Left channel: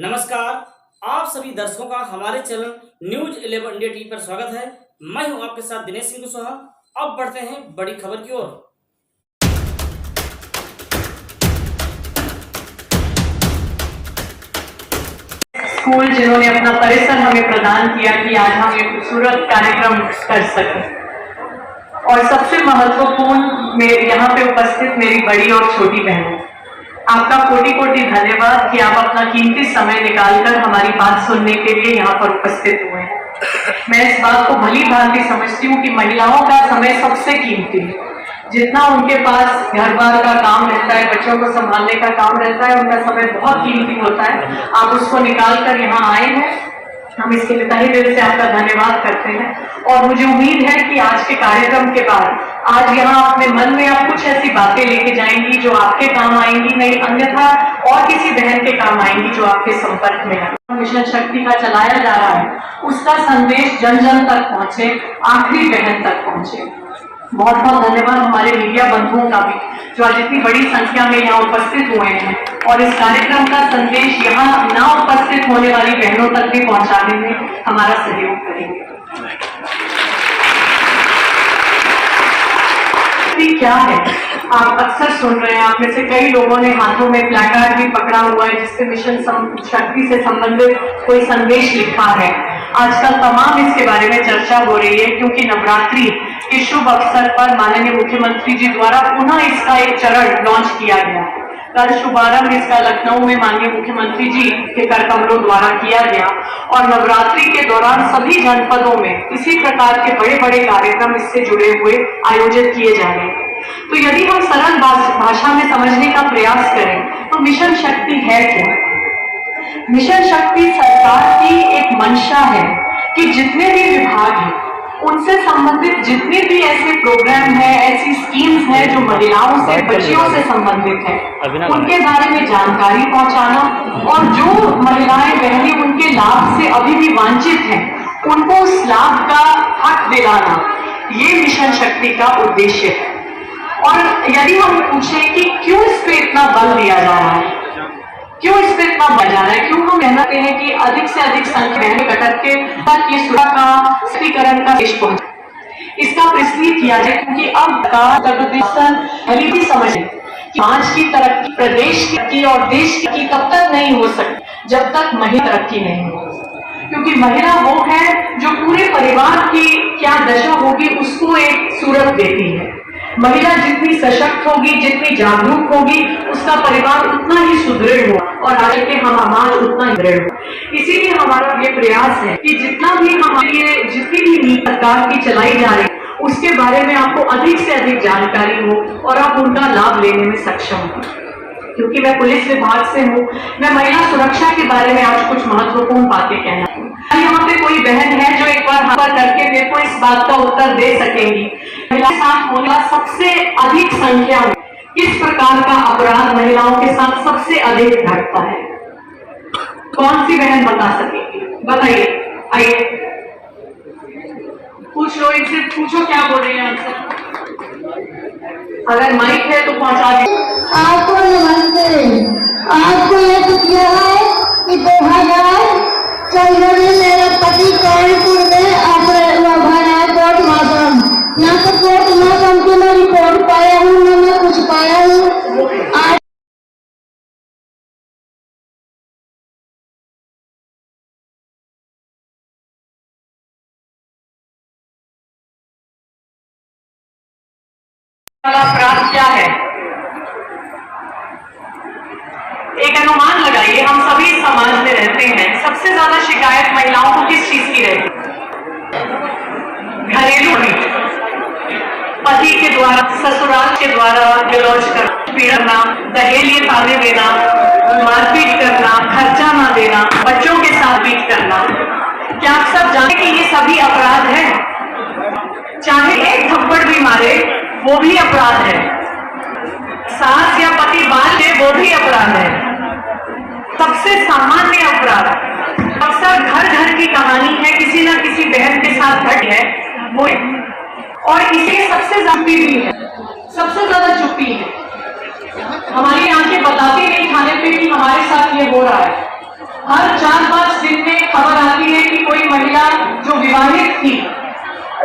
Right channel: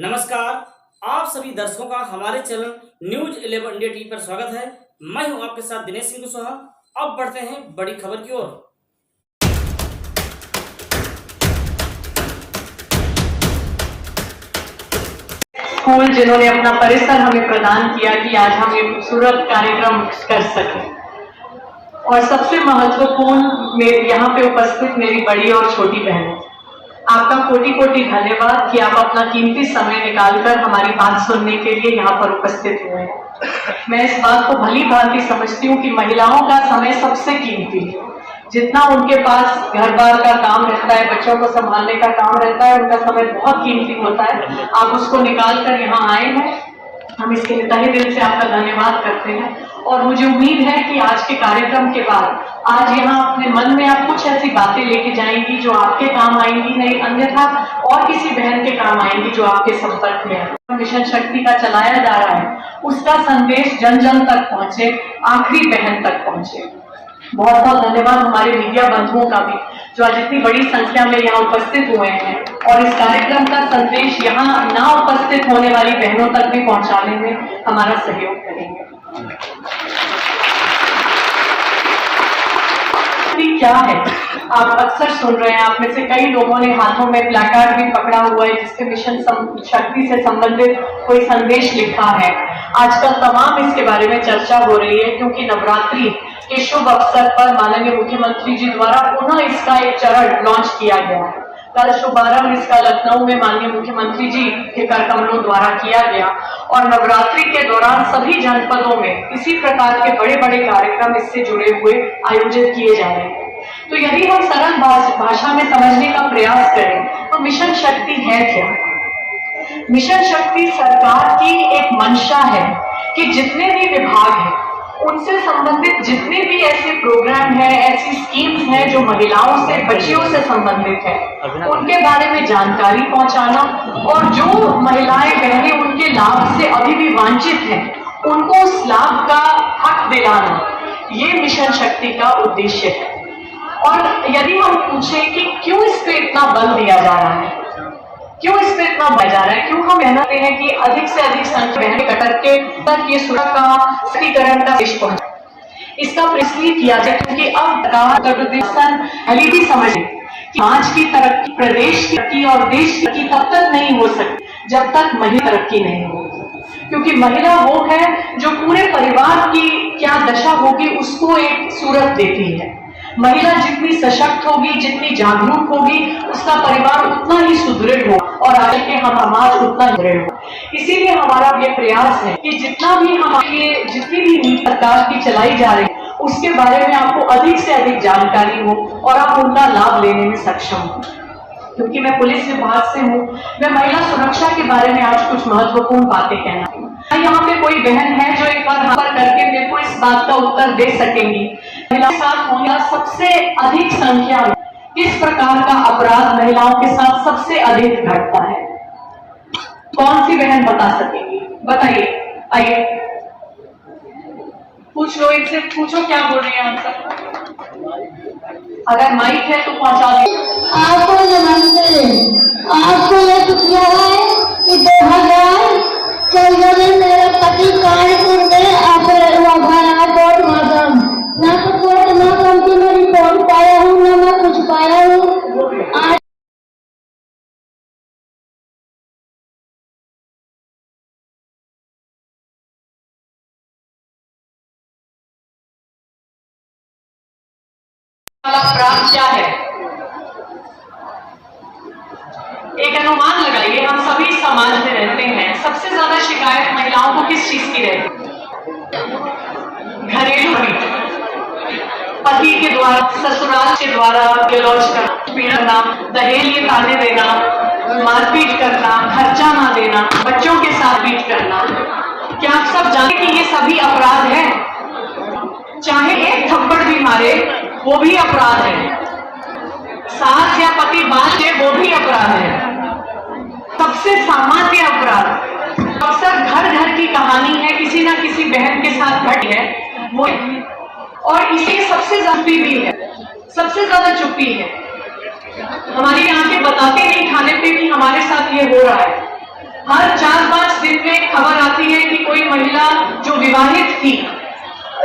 नमस्कार, आप सभी दर्शकों का हमारे चैनल न्यूज 11 इंडिया टीवी पर स्वागत है। मैं हूं आपके साथ दिनेश सिंह कुशवाहा। अब बढ़ते हैं बड़ी खबर की ओर। स्कूल जिन्होंने अपना परिसर हमें प्रदान किया कि आज हम एक खूबसूरत कार्यक्रम कर सकें, और सबसे महत्वपूर्ण यहाँ पे उपस्थित मेरी बड़ी और छोटी बहनों, आपका कोटि कोटि धन्यवाद कि आप अपना कीमती समय निकालकर हमारी बात सुनने के लिए यहाँ पर उपस्थित हुए हैं। मैं इस बात को भली भांति समझती हूँ कि महिलाओं का समय सबसे कीमती है। जितना उनके पास घर बार का काम रहता है, बच्चों को संभालने का काम रहता है, उनका समय बहुत कीमती होता है। आप उसको निकाल कर यहाँ आए हैं, हम इसके लिए तहे दिल से आपका धन्यवाद करते हैं। और मुझे उम्मीद है कि आज के कार्यक्रम के बाद आज यहाँ अपने मन में आप कुछ ऐसी बातें लेके जाएंगी जो आपके काम आएंगी, नहीं अन्यथा और किसी बहन के काम आएंगी जो आपके संपर्क में है। मिशन शक्ति का चलाया जा रहा है, उसका संदेश जन जन तक पहुंचे, आखिरी बहन तक पहुंचे। बहुत बहुत धन्यवाद हमारे मीडिया बंधुओं का भी, जो आज इतनी बड़ी संख्या में यहाँ उपस्थित हुए हैं और इस कार्यक्रम का संदेश यहाँ ना उपस्थित होने वाली बहनों तक भी पहुंचाने में हमारा सहयोग करेंगे। क्या है, आप अक्सर सुन रहे हैं, आप में से कई लोगों ने हाथों में प्लैकार्ड भी पकड़ा हुआ है जिससे मिशन शक्ति से संबंधित कोई संदेश लिखा है। आजकल तमाम इसके बारे में चर्चा हो रही है क्योंकि नवरात्रि के शुभ अवसर पर माननीय मुख्यमंत्री जी द्वारा पुनः इसका एक चरण लॉन्च किया गया। कल शुभारंभ इसका लखनऊ में माननीय मुख्यमंत्री जी के कर कमलों द्वारा किया गया और नवरात्रि के दौरान सभी जनपदों में इसी प्रकार के बड़े बड़े कार्यक्रम इससे जुड़े हुए आयोजित किए जा रहे हैं। तो यदि हम सरल भाषा में समझने का प्रयास करें तो मिशन शक्ति है क्या? मिशन शक्ति सरकार की एक मंशा है कि जितने भी विभाग हैं उनसे संबंधित जितने भी ऐसे प्रोग्राम हैं, ऐसी स्कीम्स हैं जो महिलाओं से, बच्चियों से संबंधित हैं, उनके बारे में जानकारी पहुंचाना और जो महिलाएं बहनें उनके लाभ से अभी भी वंचित हैं उनको उस लाभ का हक दिलाना, ये मिशन शक्ति का उद्देश्य है। और यदि हम पूछें कि क्यों इस पे इतना बल दिया जा रहा है, क्यों इस पे इतना बढ़ जा रहा है, क्यों हम कहते हैं कि अधिक से अधिक संख्या बहनें कटक के तक ये सुरक्षा का सशक्तिकरण का देश पहुंचे, इसका इसलिए किया जाए क्योंकि अब उत्तर प्रदेश पहले भी समझ कि समाज की तरक्की, प्रदेश की और देश की तब तक नहीं हो सकती जब तक महिला तरक्की नहीं हो, क्योंकि महिला वो है जो पूरे परिवार की क्या दशा होगी उसको एक सूरत देती है। महिला जितनी सशक्त होगी, जितनी जागरूक होगी, उसका परिवार उतना ही सुदृढ़ हो और आगे के हम समाज उतना ही दृढ़ हो। इसीलिए हमारा ये प्रयास है कि जितना भी हमारे जितनी भी नीति सरकार की चलाई जा रही है उसके बारे में आपको अधिक से अधिक जानकारी हो और आप उनका लाभ लेने में सक्षम हो। क्योंकि मैं पुलिस विभाग से हूँ, मैं महिला सुरक्षा के बारे में आज कुछ महत्वपूर्ण बातें कहना हूँ। यहाँ पे कोई बहन है जो एक बार हाथ करके मेरे को इस बात का उत्तर दे सकेंगी, महिला के साथ होना सबसे अधिक संख्या में किस प्रकार का अपराध महिलाओं के साथ सबसे अधिक घटता है? कौन सी बहन बता सकेगी? बताइए, आइए पूछ लो, एक से पूछो क्या बोल रही है आंसर। अगर माइक है तो पहुंचा दे। आपको नमस्ते। आपको यह किया है कि 2014 में मेरे पति कानपुर में ऑपरेशन हुआ कोर्ट माध्यम, ना तो कोर्ट माध्यम की मैं रिपोर्ट पाया हूँ, ना मैं कुछ पाया हूँ। आज अपराध क्या है? एक अनुमान लगाइए, हम सभी समाज में रहते हैं, सबसे ज्यादा शिकायत महिलाओं को किस चीज की रहती है? घरेलू पति के द्वारा, ससुराल के द्वारा गलौज करना, पीड़ना, दहेज ताने देना, मारपीट करना, खर्चा ना देना, बच्चों के साथ बीट करना। क्या आप सब जानते हैं कि ये सभी अपराध हैं? चाहे एक थप्पड़ भी मारे वो भी अपराध है, सास या पति बात दे वो भी अपराध है। सबसे सामान्य अपराध अक्सर घर घर की कहानी है, किसी ना किसी बहन के साथ घटी है वो, और इसे सबसे चुप्पी भी है, सबसे ज्यादा चुप्पी है। हमारी आंखें बताते नहीं खाने पे कि हमारे साथ ये हो रहा है, हर 4-5 दिन में खबर आती है कि कोई महिला जो विवाहित थी,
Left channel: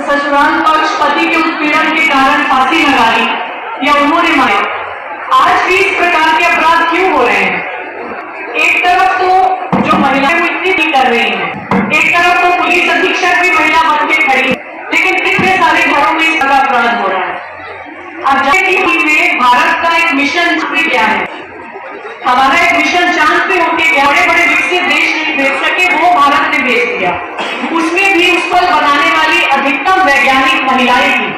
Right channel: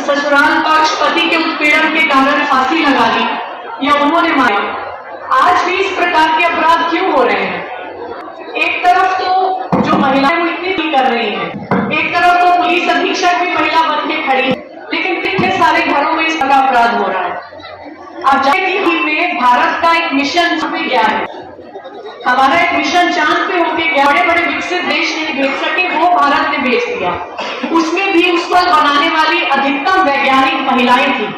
ससुराल पक्ष पति के उत्पीड़न के कारण फांसी लगा ली या उन्होंने मारा। आज भी इस प्रकार के अपराध क्यों हो रहे हैं? एक तरफ तो जो महिलाएं इतनी भी कर रही हैं, एक तरफ तो पुलिस अधीक्षक भी महिला बन के खड़ी है, लेकिन कितने सारे घरों में इस तरह अपराध हो रहा है। अब टीवी में भारत का एक मिशन भी क्या है, हमारा एक मिशन चांद पे होके गया, बड़े बड़े विकसित देश नहीं भेज सके, वो भारत ने भेज दिया। उसमें भी उस पर बनाने वाली अधिकतम वैज्ञानिक महिलाएं थी।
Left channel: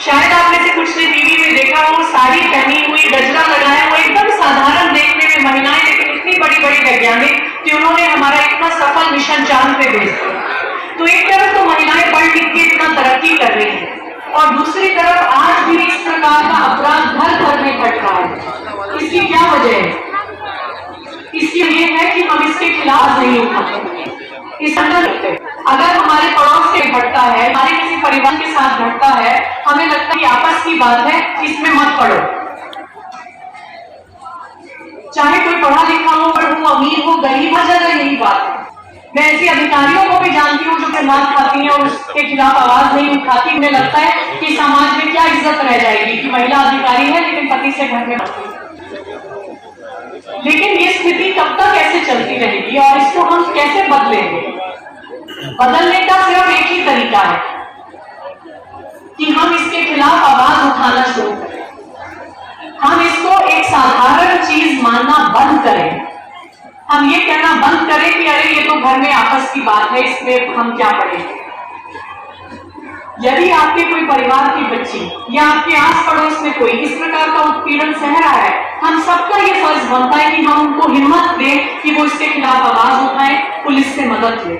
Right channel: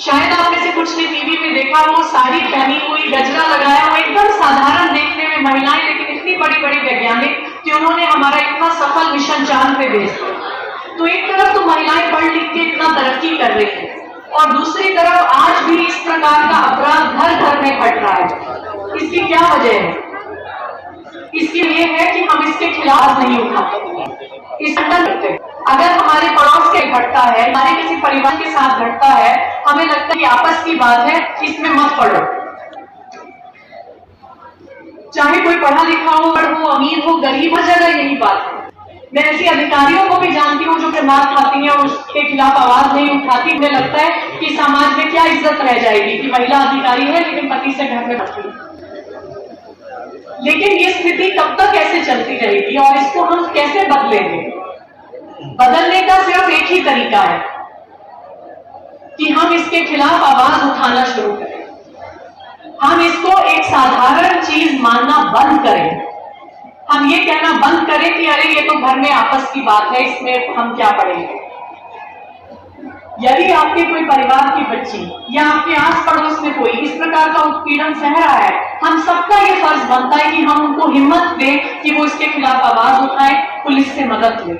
शायद आप में से कुछ ने टीवी में देखा, वो साड़ी पहनी हुई, गजरा लगाया हुआ, एकदम साधारण देखने में महिलाएं, लेकिन इतनी बड़ी बड़ी वैज्ञानिक कि उन्होंने हमारा इतना सफल मिशन चांद पे भेज दिया। तो एक तरफ तो महिलाएं पढ़ लिख के इतना तरक्की कर रही है, और दूसरी तरफ आज भी इस प्रकार का अपराध घर घर में घट रहा है। इसकी क्या वजह है? इसकी ये है कि हम इसके खिलाफ नहीं उठाते, इस अगर हमारे पड़ोस से घटता है, हमारे किसी परिवार के साथ घटता है, हमें लगता है कि आपस की बात है, इसमें मत पड़ो। चाहे कोई पढ़ा लिखा हो, अमीर हो, गरीब, हर जगह यही बात है। मैं ऐसे अधिकारियों को भी जानती हूँ जो मार खाती हैं और उसके खिलाफ आवाज नहीं उठाती। मुझे लगता है कि समाज में क्या इज्जत रह जाएगी कि महिला अधिकारी है लेकिन पति से घर में रहती है। लेकिन ये स्थिति कब तक ऐसे चलती रहेगी और इसको हम कैसे बदलेंगे? बदलने का सिर्फ एक ही तरीका है कि हम इसके खिलाफ आवाज उठाना शुरू करें। हम इसको एक साधारण चीज मानना बंद करें। हम ये कहना बंद करें कि अरे ये तो घर में आपस की बात है, इसमें हम क्या पढ़ेंगे। यदि आपके कोई परिवार की बच्ची या आपके आस पड़ोस में कोई इस प्रकार का उत्पीड़न सह रहा है, हम सबका ये फर्ज बनता है कि हम उनको हिम्मत दें कि वो इसके खिलाफ आवाज उठाएं, पुलिस से मदद लें।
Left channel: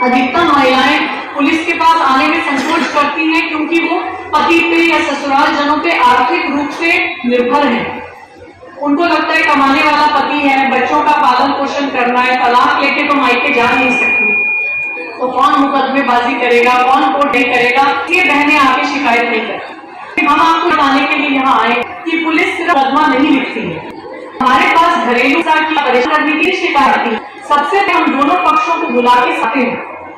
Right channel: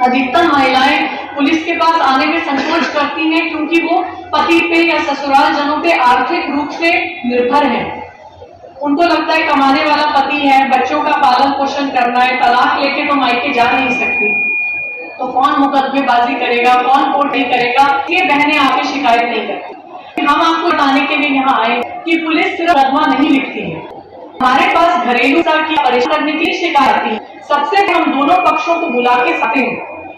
अधिकतर महिलाएं पुलिस के पास आने में संकोच करती हैं क्योंकि वो पति पे या ससुराल जनों पे आर्थिक रूप से निर्भर हैं। उनको लगता है कमाने वाला पति है, बच्चों का पालन पोषण करना है, तलाक लेके तो मायके जा नहीं सकती, तो कौन मुकदमेबाजी करेगा, कौन कोर्ट नहीं करेगा। ये बहनें आके शिकायत नहीं करती। हम आपको बताने के लिए यहाँ आए कि पुलिस सिर्फ मुकदमा नहीं लिखती है, हमारे पास घरेलू की परेशान करने की शिकायत आती है। सबसे पहले हम दोनों पक्षों को बुला के सकते हैं,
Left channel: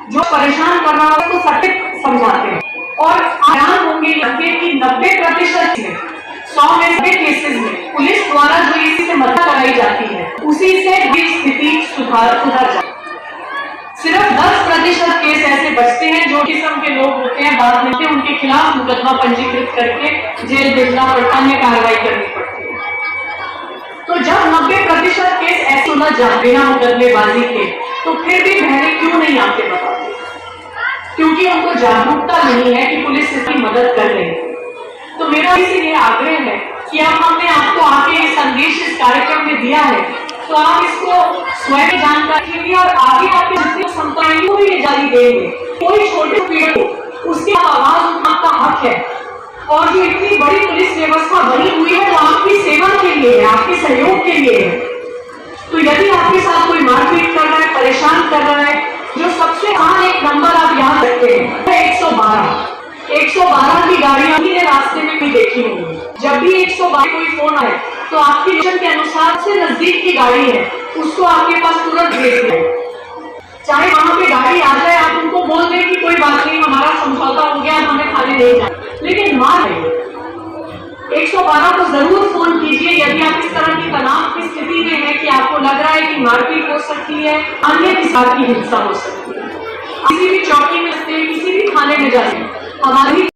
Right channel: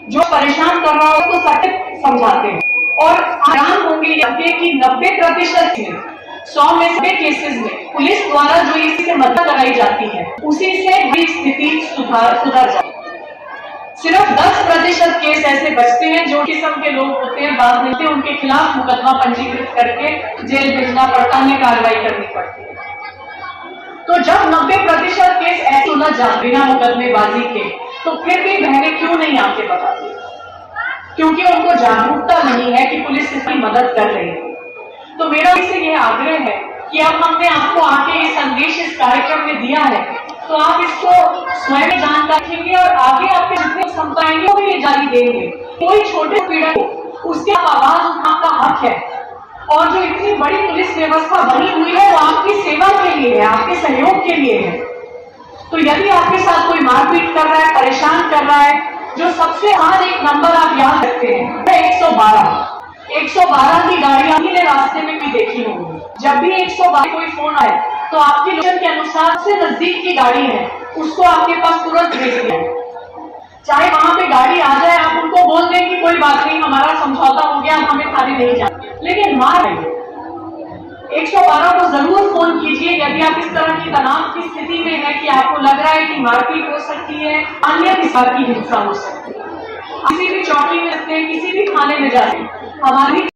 जो परेशान कर रहा है उसको सटीक समझाते हैं और हैरान होंगे कि 90% 100 में से केसेस में पुलिस द्वारा जो इससे मदद कराई जाती है उसी से भी स्थिति सुधर जाती है। सिर्फ 10% केस ऐसे बचते हैं जो किस्म के लोग होते हैं, बाद में उनके खिलाफ मुकदमा पंजीकृत करके जेल भेजना पड़ता है, कार्रवाई करनी पड़ती है। तो जब 90% केस ऐसे सुलझ जाते हैं मुकदमेबाजी के, तो फिर भी बहनें क्यों नहीं आके बताती? क्योंकि उनको जागरूकता नहीं है कि पुलिस इसकी मदद कर रही है। तो मेरा इसे यह आग्रह है कि अब हमने आपको आके ये संदेश इस कार्यक्रम में दिया है, तो आप इसको स्वयं जानकारी रखेंगे और आगे आपके जितने संस्थाएं को भी जारी देंगे। कोई छोटे पीड़ित हो उसके आवाज उठाने का हक है, और जो इतनी बड़ी पुलिस व्यवस्था बनी हुई है वो आपकी सेवा के लिए है, आपके सहयोग के लिए है। तो यदि आपके साथ कोई मारपीट कर रहा है, परेशान कर रहा है, जो सबसे आम एक नंबर आप याद रखते हैं 112 की गाड़ियां आपने रास्ते में भी देखी होंगी। जब भी 112 कोई फोन आए तो आपकी लोकेशन के अनुसार से नजदीक की गाड़ी है उसको आपके पास तुरंत भेज दें। चाहे वहां पे गाड़ी आ जाए, आप उनको बोल दें कि कोई बात नहीं, हमारा समझौता हो गया, हमें थाने नहीं जाए, लेकिन मार 112 को जरूर फोन कीजिए यदि आप इस तरह की तनाव की स्थिति में है कि आपको लग रहा है कि मारपीट हो सकती है, अन्य किसी की हिंसा हो सकती है। किसी भी चौकी में से, किसी भी थाने में जाए, हमारी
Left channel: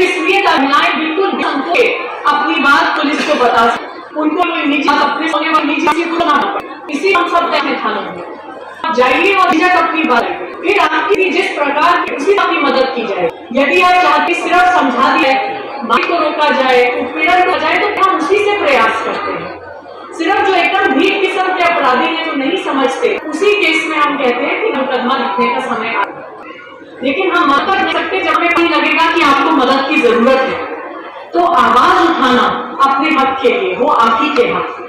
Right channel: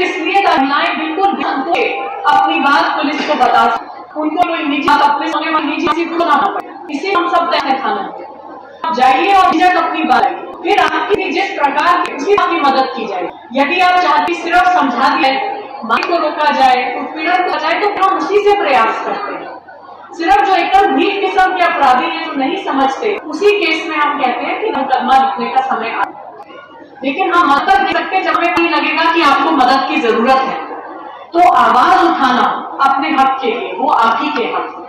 इसलिए महिलाएं बिल्कुल अपनी बात पुलिस को बता सकती, उनको निजी अपने होने वाली निजी को ना पड़े। इसी हम सब थानों में जाइए और अपनी बात फिर आपकी जिस प्रकार की उसी आपकी मदद की जाए। यदि आप चाहते सिर्फ समझा दिया मार को रोका जाए, उत्पीड़न किया जाए, तो हम उसी से प्रयास करते हैं। सिर्फ जो एकदम भीड़ किस्म के अपराधी हैं जो नहीं समझते, उसी केस में हम कहते हैं कि मुकदमा लिखने का समय आ गया। लेकिन हम मत कर सकते जब हमें नहीं लगेगा कि आपको मदद की जरूरत है, तो आवाज उठाना अपने हक के लिए वो आप ही के हक है।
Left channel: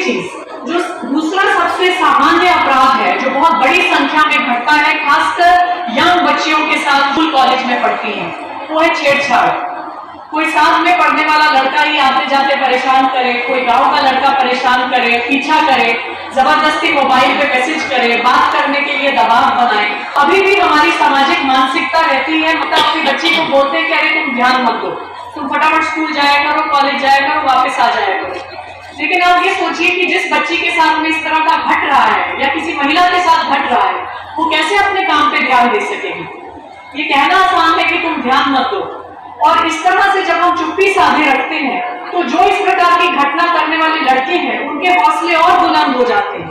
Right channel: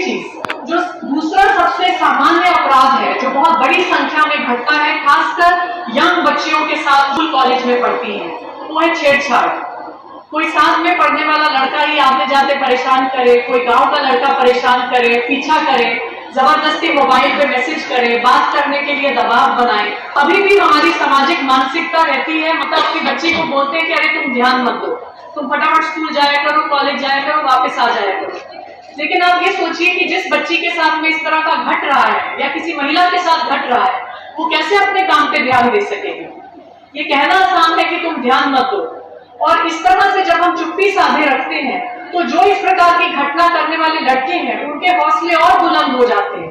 चीज जो दूसरा सबसे सामान्य अपराध है जो बहुत बड़ी संख्या में घटता है, खासकर यंग बच्चियों के साथ स्कूल कॉलेज में पढ़ती हैं, वो है छेड़छाड़। कोई साथ में पढ़ने वाला लड़का ही आते जाते परेशान करे, कोई गांव का लड़का परेशान करे, पीछा करे, जबरदस्ती मोबाइल पे मैसेज करे, बात करने के लिए दबाव बनाए। अभी भी हमारी सामाजिक मानसिकता रहती है, मतलब अपनी बच्ची को बोलते हैं कि अरे तुम ध्यान मत दो, तुम फटाफट स्कूल जाया करो, कॉलेज जाया करो, वापस आ जाया करो। लेकिन आप ये सोचिए कि जिस बच्ची के साथ में इस तरह का घट रहा है या किसी महिला के साथ घट रहा है, वो कैसे अपने काम पे ध्यान दे सकेगी। ये कहना आसान है कि तुम ध्यान मत दो, और इस तरह से जब हम चुप्पी साधे रखते हैं तो जो इस प्रकार की घटना करने वाले लड़के हैं उनके हौसले और बुलंद हो जाते हैं,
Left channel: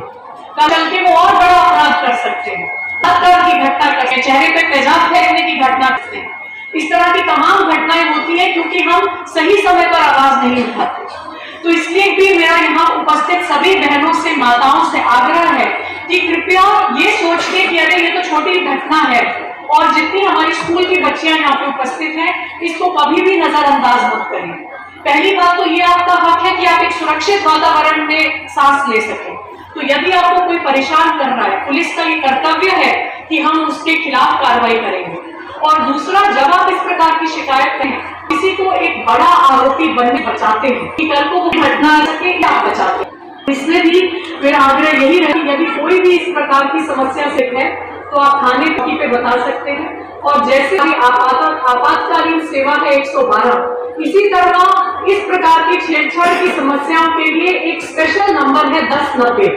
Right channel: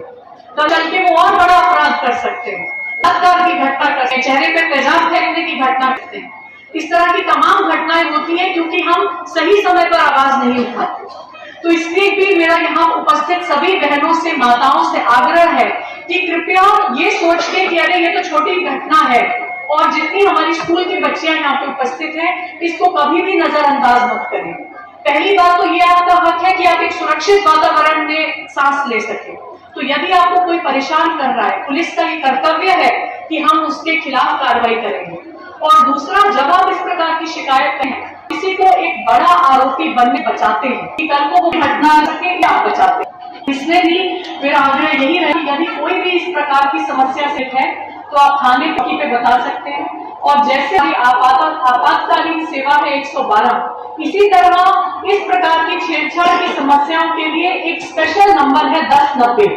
कल चल के वो और बड़ा अपराध कर सकते हैं, बलात्कार की घटना करते हैं, चेहरे पे तेजाब फेंकने की घटना करते हैं। इस तरह की तमाम घटनाएं होती है क्योंकि हम सही समय पर आवाज नहीं उठाते। तो इसलिए भी मेरा यहाँ उपस्थित सभी बहनों से, माताओं से आग्रह है कि कृपया ये सोच के कि अरे ये तो छोटी घटना है, और जितनी हमारी स्कूल की बच्चियां यहाँ पे उपस्थित हैं, इसको कभी भी नजरअंदाज मत करें। पहली बात तो ये आपका हक है कि आप एक सुरक्षित वातावरण में सांस ले सकें। तो यदि आपको कोई परेशान कर रहा है, पुलिस का ये कर्तव्य है कि हम उसके खिलाफ कार्रवाई करेंगे। और दूसरा, जब आप इस प्रकार की शिकायत करें, किसी को एक बड़ा आरोपी बनने बचाते हैं कि कल को वो घटना सके या बचाते हैं। इसमें भी मेरा आग्रह यही है कि यदि कोई भी इस प्रकार की समस्या से है तो आप थाने पे बता सकते हैं, और जैसे आपातकालीन सेवा है 112, इसी तरह इस प्रकार की छेड़छाड़ की समस्याओं के लिए एक स्पेशल नंबर है 1090,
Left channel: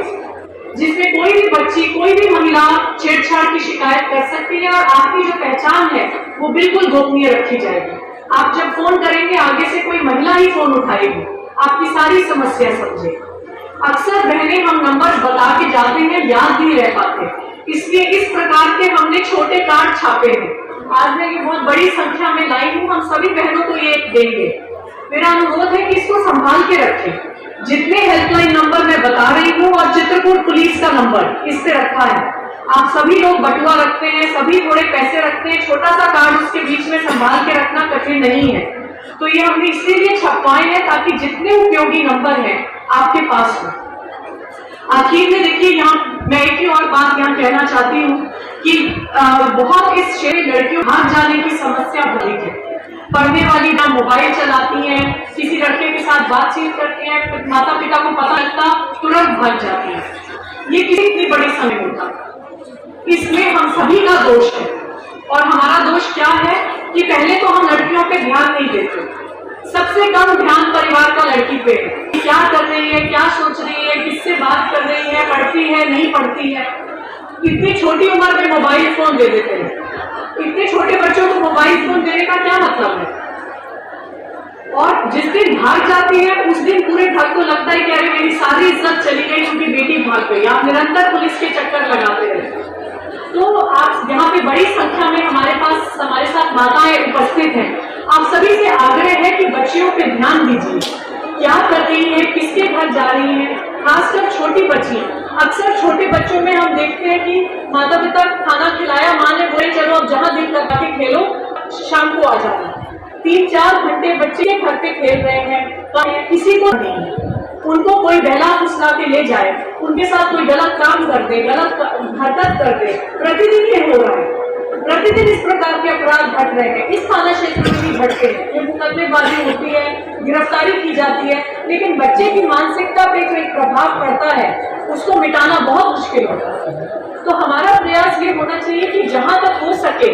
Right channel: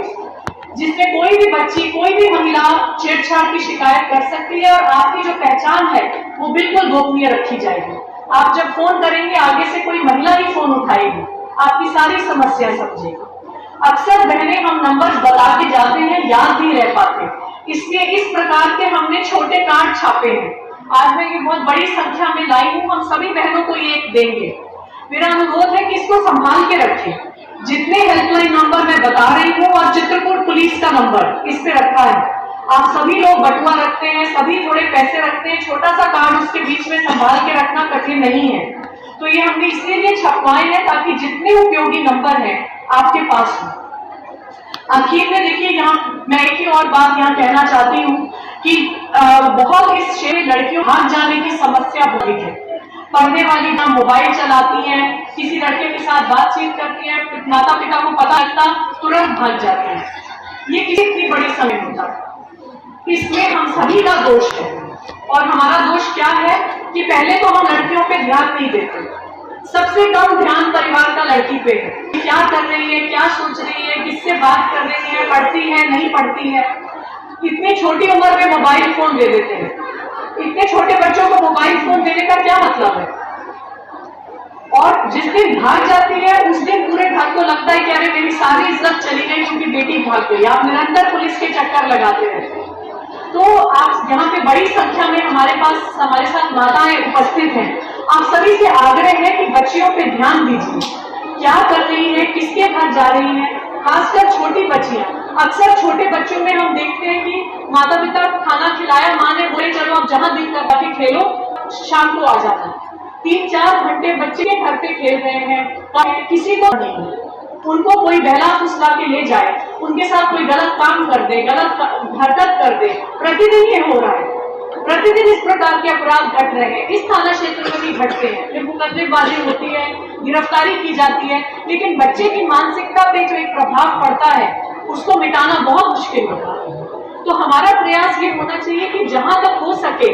जिसमें कोई भी बच्ची, कोई भी महिला छेड़छाड़ की शिकायत कर सकती है, और आपकी जो पहचान है वो बिल्कुल गोपनीय रखी जाएगी। आप जब फोन करेंगे आगे से कोई महिला ही फोन उठाएगी, आपकी सारी समस्या समझेगा। अक्सर बहनें हम नंबर बता के जाते हैं, याद नहीं रह पाते, इसलिए इस प्रकार के हमने छोटे कार्ड छापे हैं। आज मैं ये बहुत बड़ी संख्या में लाई हूँ, हम सभी बहनों को ये देंगे। मेरा अनुरोध है कि इसको संभाल के रखें। जितने हेल्पलाइन नंबर मैं बता रही हूँ और चित्रकूट पुलिस का नंबर इस पे रखा है, आप सभी लोग बटुआ रखते हैं, सभी थोड़े पैसे रखते हैं, छोटा सा कार्ड उसके बीच में संभाल के रखना कठिन नहीं है। तो ये हमने इसीलिए छपवाए हैं ताकि जितने उपयोगी नंबर हैं आपके पास हो। आखिर में देखिए, यहाँ मैं एक ही और बात यहाँ कहना चाहती हूँ कि बहुत इस क्षेत्र लड़कियों भाग जाने की समस्या बढ़ी है। पढ़ने वाली ना मोबाइल चलाती हैं, किसी लड़के के साथ बातचीत करती हैं, माता पिता को पता लगता तुरंत भाग जाती हैं। ये कितनी बड़ी समय होता है, इसमें हम सभी का दोष है। और हमारा दोष क्या है कि पहले तो हम लड़कियों पे ध्यान नहीं देते। सबसे कम ध्यान परिवार का लड़की पे है, क्या कर रही है, क्या सोच रही है, किससे बात कर रही है, पढ़ती है, नहीं पढ़ती है। इतनी छोटी उम्र में मोबाइल फोन दे देते हैं। इतने छोटे बच्चों को मोबाइल फोन देने का क्या मतलब है? और जिस दिन भाग जाती है उस दिन पूरे घर को लगता है कि अरे मेरी सारी इज्जत चली गई क्योंकि बेटी भाग गई। आप निरंतर पुलिस के चक्कर लगाते रहते हैं। तो आप यहाँ पे बड़ी संख्या में हमारे साथ माताएं उपस्थित हैं। आप सभी से आग्रह है कि बच्चियों पे ध्यान दीजिए, क्या कर रही है, किसके घर जा रही है, खासकर छोटी बच्चियां। अक्सर छोटे बच्चों में हम देखते हैं कि माता पिता खाना खिलाया, माँ ने बोले चलो अब जहां दिल कर के खेलो, शाम को आ जाना। 3-4 घंटे बच्चे घर पे खेल रहे हैं, तो किसी को नहीं है। उनको कोई बहला फुसला के ले जाए, उनके साथ कोई गलत काम कर दे, गलत हरकत कर दे, प्रतिदिन ये हो रहा है। प्रतिदिन इस प्रकार के अपराध घट रहे हैं। इस थाना क्षेत्र में भी घटते हैं, ये मुकदमेबाजी होती है, गिरफ्तारी की जाती है, लेकिन बच्चे की मानसिकता पे जो एक प्रभाव पड़ता है उसको मिटाना बहुत मुश्किल होता है। तो हमारा प्रयास ये होना चाहिए कि जहां तक हो सके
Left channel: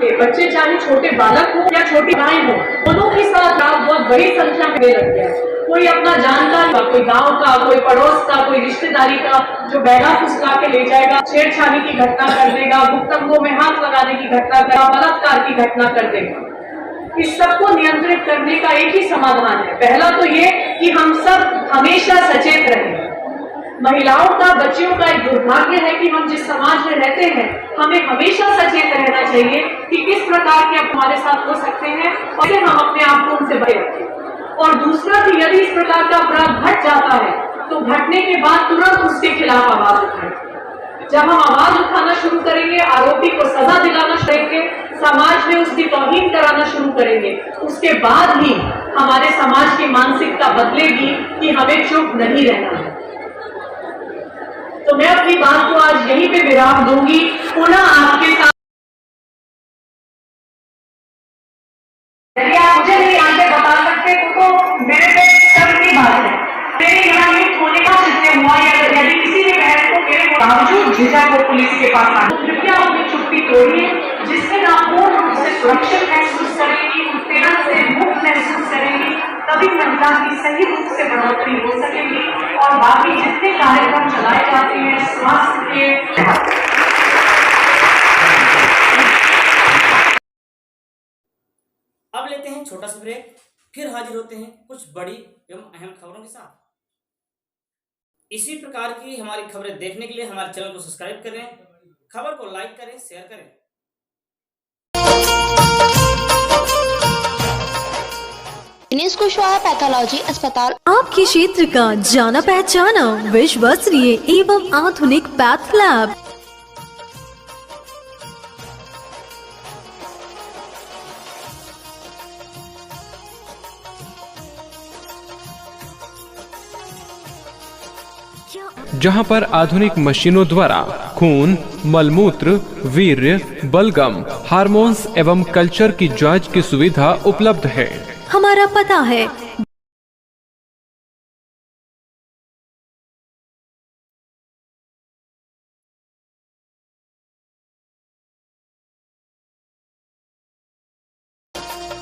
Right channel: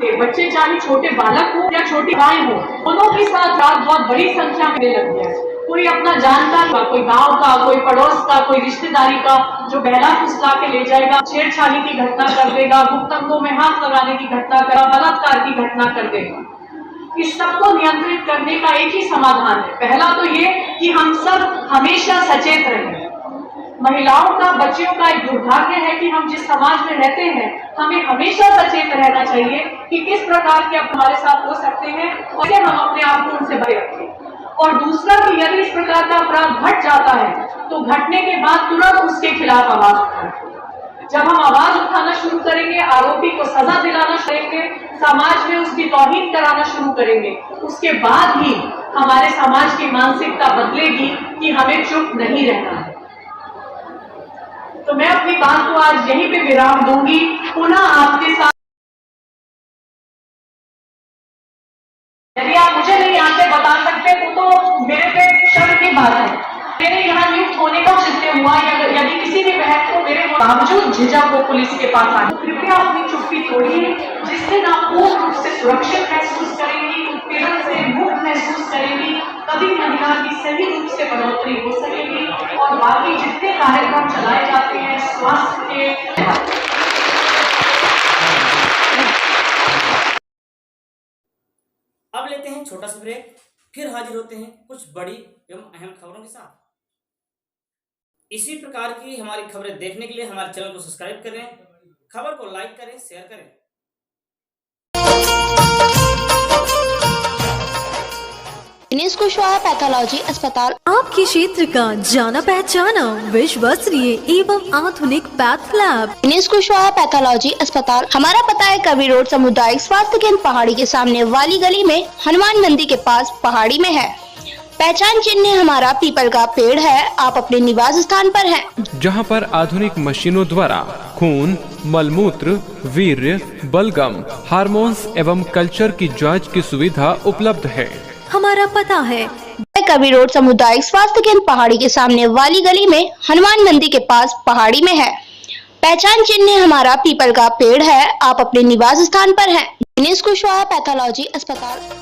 बच्चे चाहे छोटे बालक हो या छोटी गाय हो, दोनों के साथ रात बहुत बड़ी संख्या में लग गया। कोई अपना जानकार का, कोई गांव का, कोई पड़ोस का, कोई रिश्तेदारी का जो बैला फुसला के ले जाएगा, छेड़छाड़ी की घटना कर देगा, गुप्तंगों में हाथ लगाने की घटना करेगा, बलात्कार की घटना कर देगा। इस सबको नियंत्रित करने का एक ही समाधान है। पहला तो ये कि हम सब हमेशा सचेत रहें। महिलाओं का, बच्चियों का एक दुर्भाग्य है कि हम जिस समाज में रहते हैं, हमें हमेशा सचेत रहना चाहिए कि किस प्रकार के हमारे साथ हो सकते हैं और कैसे हम अपने आप को उनसे बचे रखें। और दूसरा कि यदि इस प्रकार का अपराध घट जाता है तो घटने के बाद तुरंत उसके खिलाफ आवाज उठाएं। जब हम आवाज उठाना शुरू करेंगे, आरोपी को सजा दिलाना शुरू करेंगे, समाज में उसकी तौहीन कराना शुरू करेंगे, उसके बाद ही हमारे समाज की मानसिकता बदलेगी कि हमें चुप नहीं रहना है। तो मैं अपनी बात को आज यहीं पे विराम दूंगी। पुनः आपके साथ यदि आप मुझे नहीं यहाँ से बता सकते तो मेरे पे शर्म की बात है। मेरे यहाँ लिफ्ट होने का जिससे हुआ, यदि किसी ने बहन को मेरे बावजूद झिझक को पुलिस के पास आना, तो कृपया अपनी चुप्पी तोड़िए, जिससे ना पूर्ण रूप से सुरक्षित महसूस करेंगी, उत्पीड़न से मुक्त महसूस करेंगी, तभी महिला की सही रूप से बढ़ोतरी हो सकेगी। और बाकी जितने कार्यक्रम चलाए जाते हैं स्वास्थ्य के, अब लेते हैं छोटा सा ब्रेक, फिर हाजिर होते हैं कुछ बड़ी एवं अहम खबरों के साथ। इसी प्रकार की हमारी खबरें देखने के लिए हमारे चैनल को सब्सक्राइब करें, खबर को लाइक करें, शेयर करें। दिनेश कुशवाहा पैथोलॉजी अस्पताल आपके क्षेत्र का जाना पहचाना विश्वसनीय एवं आधुनिक path lab. Dinesh Kushwaha pathology अस्पताल, हमारा पता है कवि रोड सामुदायिक स्वास्थ्य केंद्र पहाड़ी के सामने वाली गली में, हनुमान मंदिर के पास पहाड़ी में है। पहचान चिन्ह हमारा पीपल का पेड़ है, आप अपने निवास स्थान पर हैं। जहां पर आधुनिक मशीनों द्वारा खून, मलमूत्र, वीर्य, बलगम, हार्मोन्स एवं कल्चर की जांच की सुविधा उपलब्ध है। हमारा पता है कवि रोड सामुदायिक स्वास्थ्य केंद्र पहाड़ी के सामने वाली गली में, हनुमान मंदिर के पास पहाड़ी में है। पहचान चिन्ह हमारा पीपल का पेड़ है, आप अपने निवास स्थान पर हैं। दिनेश कुशवाहा पैथोलॉजी अस्पताल।